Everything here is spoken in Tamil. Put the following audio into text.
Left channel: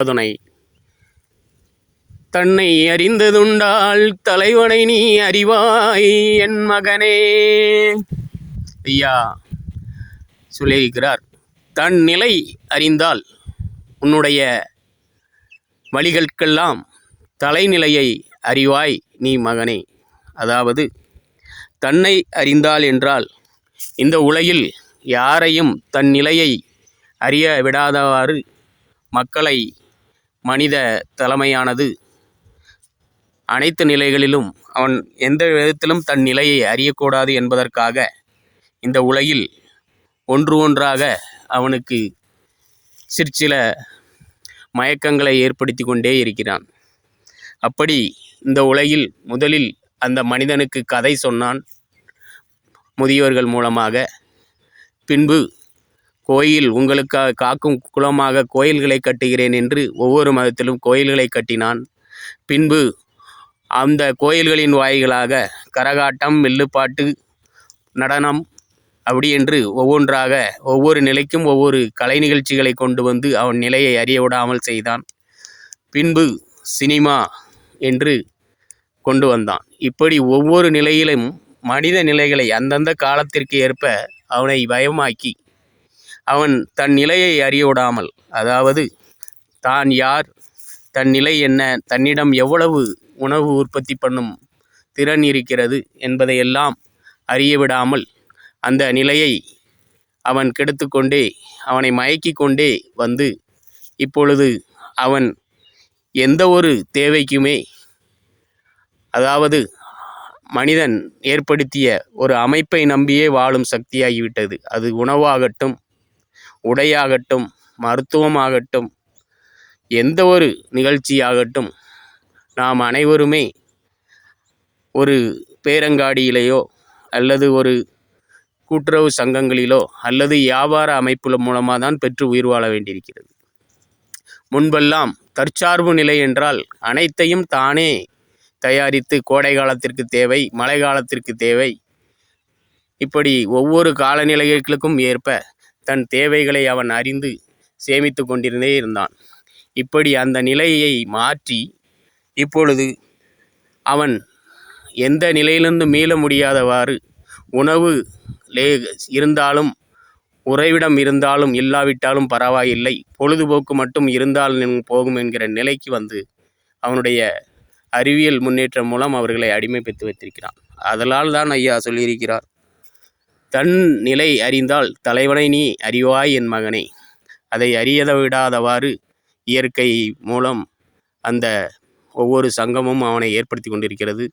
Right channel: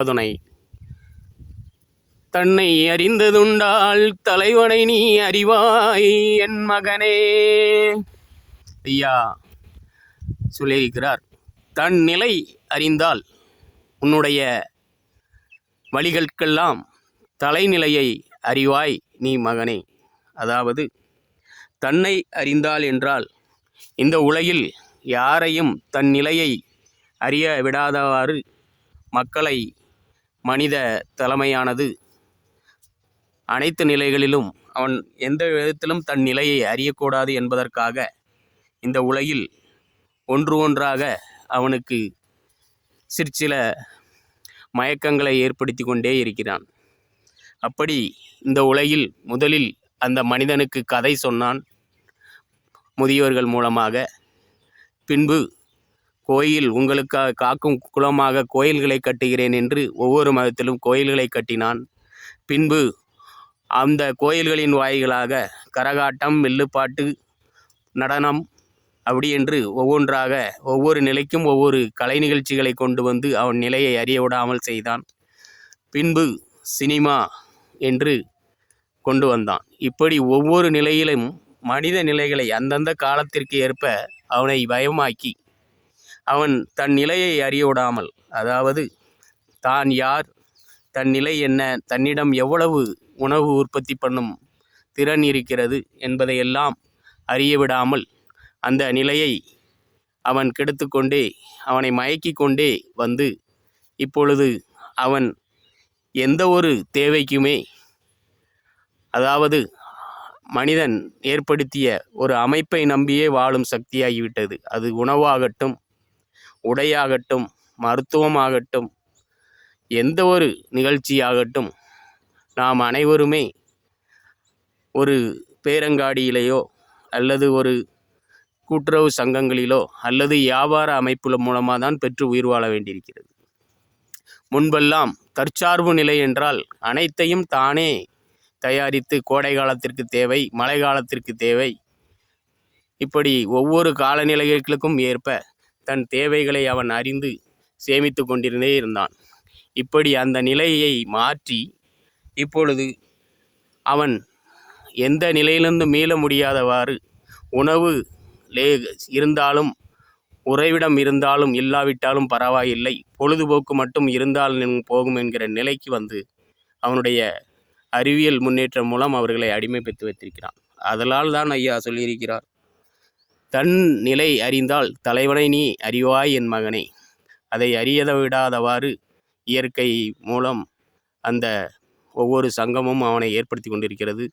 துணை தன்னை அறிந்ததுண்டால் தலைவனை நீ அறிவாய் என் மகனே. ஐயா சொல்லியிருக்கிறார், தன் நிலை அறிந்தால் உன்னுடைய வழிகளுக்கெல்லாம் தலைநிலையை அறிவாய் நீ மகனே. அதாவது தன்னை அறிந்தால் என்றால் இந்த உலகில் யாரையும் தன் நிலையை அறிய விடாதவாறு மக்களை மனித தலைமையானது அனைத்து நிலைகளிலும் அவன் எந்த விதத்திலும் தன் நிலையை அறியக்கூடாது என்பதற்காக இந்த உலகில் ஒன்று ஒன்றாக அவனுக்கு சிற்சில மயக்கங்களை ஏற்படுத்தி கொண்டே இருக்கிறான். அப்படி இந்த உலகில் முதலில் அந்த மனிதனுக்கு கதை சொன்னான் முதியோர்கள் மூலமாக. பின்பு கோயில் உங்களுக்காக காக்கும் குலமாக கோயில்களை கட்டுகிறேன் என்று ஒவ்வொரு மதத்திலும் கோயில்களை கட்டினான். பின்பு அந்த கோயில்களின் வாயிலாக கரகாட்டம், வில்லுப்பாட்டு, நடனம் அப்படி என்று ஒவ்வொன்றாக ஒவ்வொரு நிலைக்கும் ஒவ்வொரு கலை நிகழ்ச்சிகளை கொண்டு வந்து அவன் நிலையை அறிய விடாமல் செய்தான். பின்பு சினிமா என்று கொண்டு வந்தான். இப்படி ஒவ்வொரு நிலையிலும் மனித நிலைகளை அந்தந்த காலத்திற்கு ஏற்ப அவனை பயமாக்கி அவன் தன் நிலையை அறிய விடாமல், அதாவது தான் யார், தன் நிலை என்ன, தன்னிடம் எவ்வளவு உணவு உற்பத்தி பண்ணும் திறன் இருக்கிறது என்பதையெல்லாம் அறிய விடாமல் அந்த நிலையை அவன் கெடுத்து கொண்டே அவனை மயக்கி கொண்டே வந்து இப்பொழுது அவன் எந்த ஒரு தேவைக்குமே, அதாவது மனிதன் ஏற்படுத்திய ஒரு அமைப்பை நம்பியே வாழும் சக்தியாகிவிட்டது. அது உணவாகட்டும், உடையாகட்டும், மருத்துவமாகட்டும், எந்த ஒரு நிகழ்ச்சியாகட்டும், நாம் அனைவருமே ஒரு பேரங்காடியிலேயோ அல்லது ஒரு கூட்டுறவு சங்கங்களிலோ அல்லது வியாபார அமைப்புல மூலமாக தான் பெற்று உயிர் வாழ வேண்டியிருக்கிறது. முன்பெல்லாம் தற்சார்பு நிலை என்றால் அனைத்தையும் தானே தயாரித்து கோடை காலத்திற்கு தேவை, மழை காலத்திற்கு தேவை, இப்படி ஒவ்வொரு காலநிலைகளுக்கும் ஏற்ப தன் தேவைகளை அவன் அறிந்து சேமித்து கொண்டிருந்தே இருந்தான். இப்படி அந்த நிலையை மாற்றி இப்பொழுது அவன் எந்த நிலையிலிருந்து மீள முடியாதவாறு உணவு இருந்தாலும், உறைவிடம் இருந்தாலும் இல்லாவிட்டாலும் பரவாயில்லை, பொழுதுபோக்கு மட்டும் இருந்தாலும் போகும் என்கிற நிலைக்கு வந்து அவனுடைய அறிவியல் முன்னேற்றம் மூலம் அவர்களை அடிமைப்படுத்தி வைத்திருக்கிறான். அதனால் தான் ஐயா சொல்லியிருக்கிறார், தன் நிலை அறிந்தால் தலைவனை நீ அறிவாய் என் மகனே. அதை அறியத விடாதவாறு இயற்கை மூலம் அந்த ஒவ்வொரு சங்கமும் அவனை ஏற்படுத்தி கொண்டிருக்கிறது.